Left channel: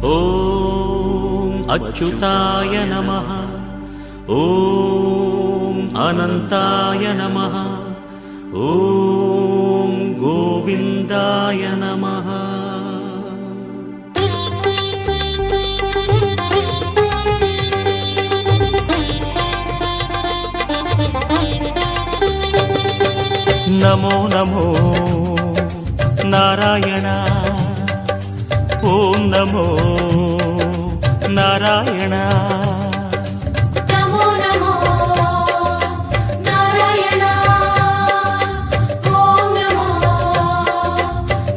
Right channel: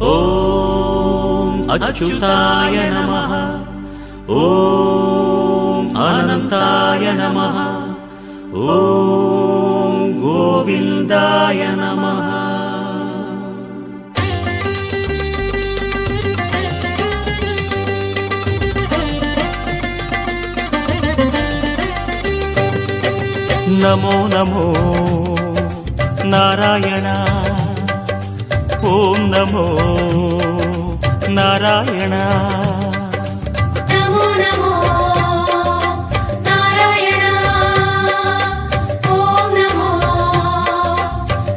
ஓம் அச்சுதாய நமः. ஓம் அனந்தாய நமः. ஓம் கோவிந்தாய நமः. நமோ நமோ நாராயண. ஓம் நமோ நாராயண. நமோ நமோ நாராயண. ஓம் நமோ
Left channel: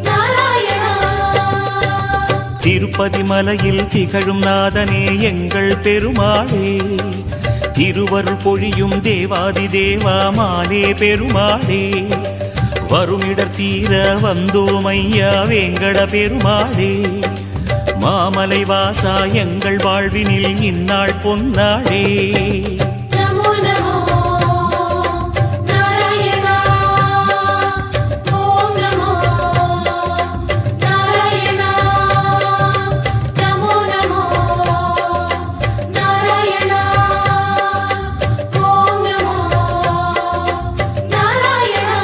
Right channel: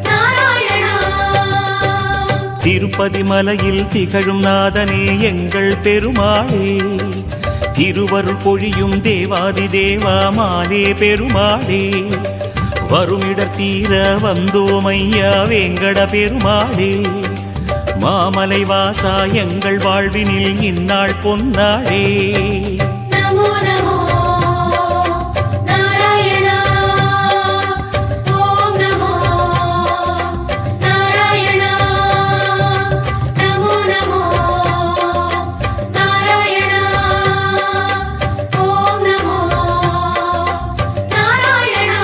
நாராயண. திருப்பதி மலையில் திகழும் நாதனே எங்கள் பெருமாளே, திருவருள் பொழியும் தேவாதி தேவாமானே பெருமாளே, வருமிடர் தீர வந்தோமையா வேங்கட பெருமாளே, மாமலை வாசா எங்கள் வாழ்வினில் இந்நாள் பொன்னாளே. நமோ நமோ நாராயண. ஓம் நமோ நாராயண. நமோ நமோ நாராயண. ஓம் நமோ நாராயண.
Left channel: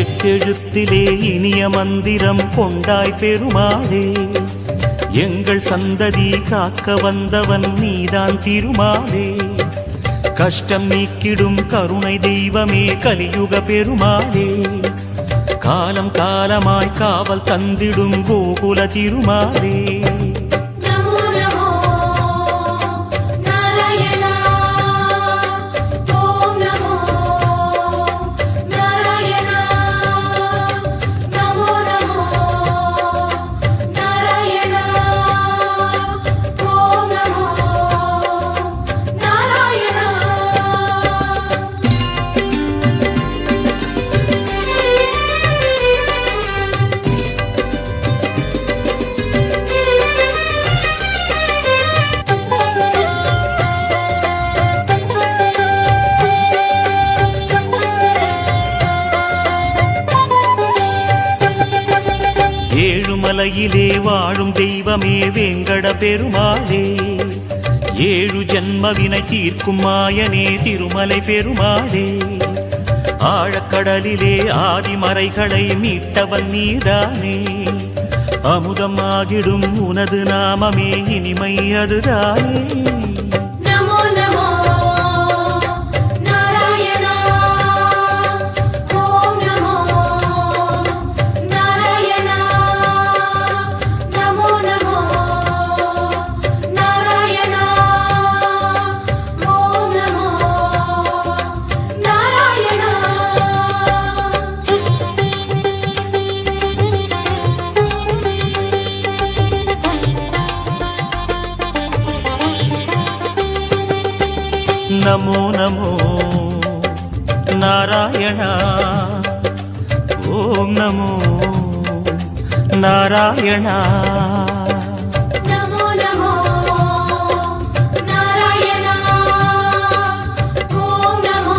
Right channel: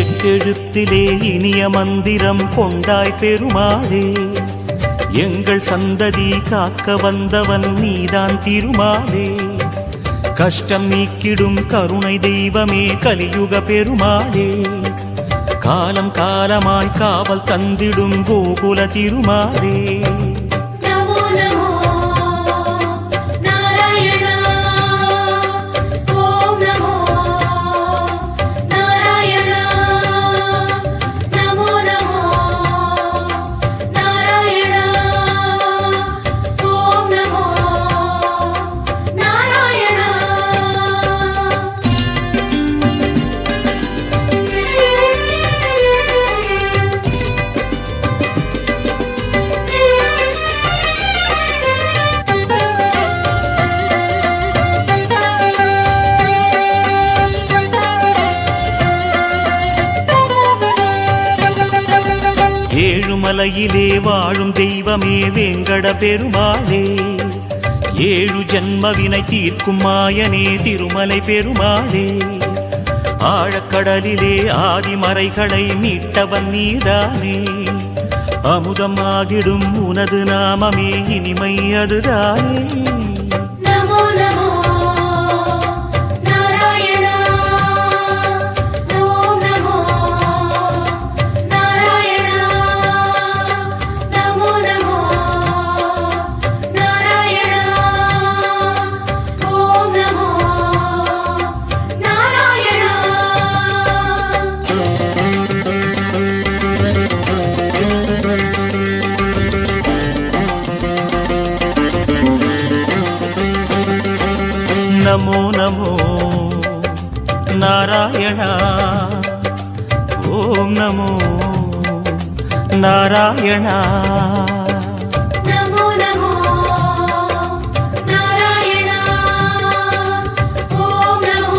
எட்டெழுத்திலே இனிய மந்திரம் கொண்டாய் பெருமாளே, எங்கள் சந்ததி காக்க வந்தவன் நீதான் திருமாலே, கஷ்டம் நீக்கிடும் கருணை தெய்வமே கலியுக பெருமாளே, காலம் காலமாய் காவல் தந்திடும் கோகுல திருமாலே. நமோ நமோ நாராயண. ஓம் நமோ நாராயண. நமோ நமோ நாராயண. ஓம் நமோ நாராயண. ஏழுமலையிலே வாழும் தெய்வமே வேங்கட பெருமாளே, ஏழு ஜன்மவினை தீர்க்கும் மாயனே திருமலை பெருமாளே, ஆழக்கடலிலே ஆதிமறைகளை மீட்டவன் நீதானே, அமுதம் ஆகிடும் உனது நாமமே இனிமை அதுதானே. நமோ நமோ நாராயண. ஓம் நமோ நாராயண. நமோ நமோ நாராயண. ஓம் நமோ நாராயண. நமோ நமோ நாராயண. ஓம் நமோ நாராயண. நமோ நமோ நாராயண. ஓம் நமோ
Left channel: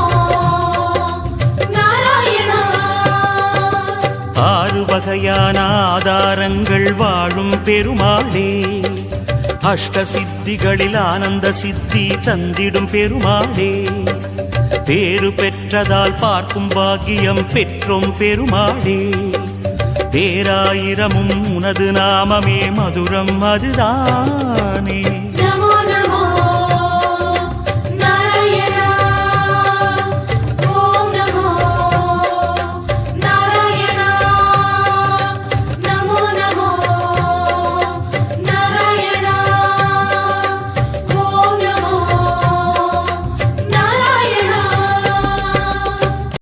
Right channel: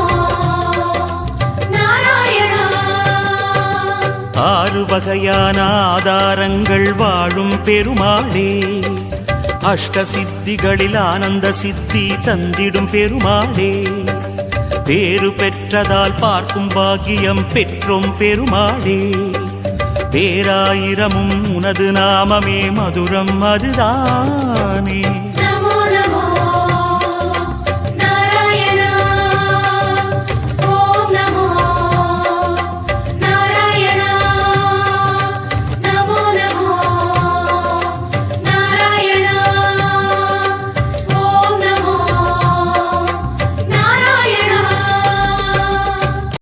நாராயண. ஆறு வகையான ஆதாரங்கள் வாழும் பெருமாளே, அஷ்ட சித்திகளில் ஆனந்த சித்தி தந்திடும் பெருமாளே, பேறு பெற்றதால் பார்க்கும் பாக்கியம் பெற்றோம் பெருமாளே, பேராயிரமும் உனது நாமமே மதுரம் அதுதானே.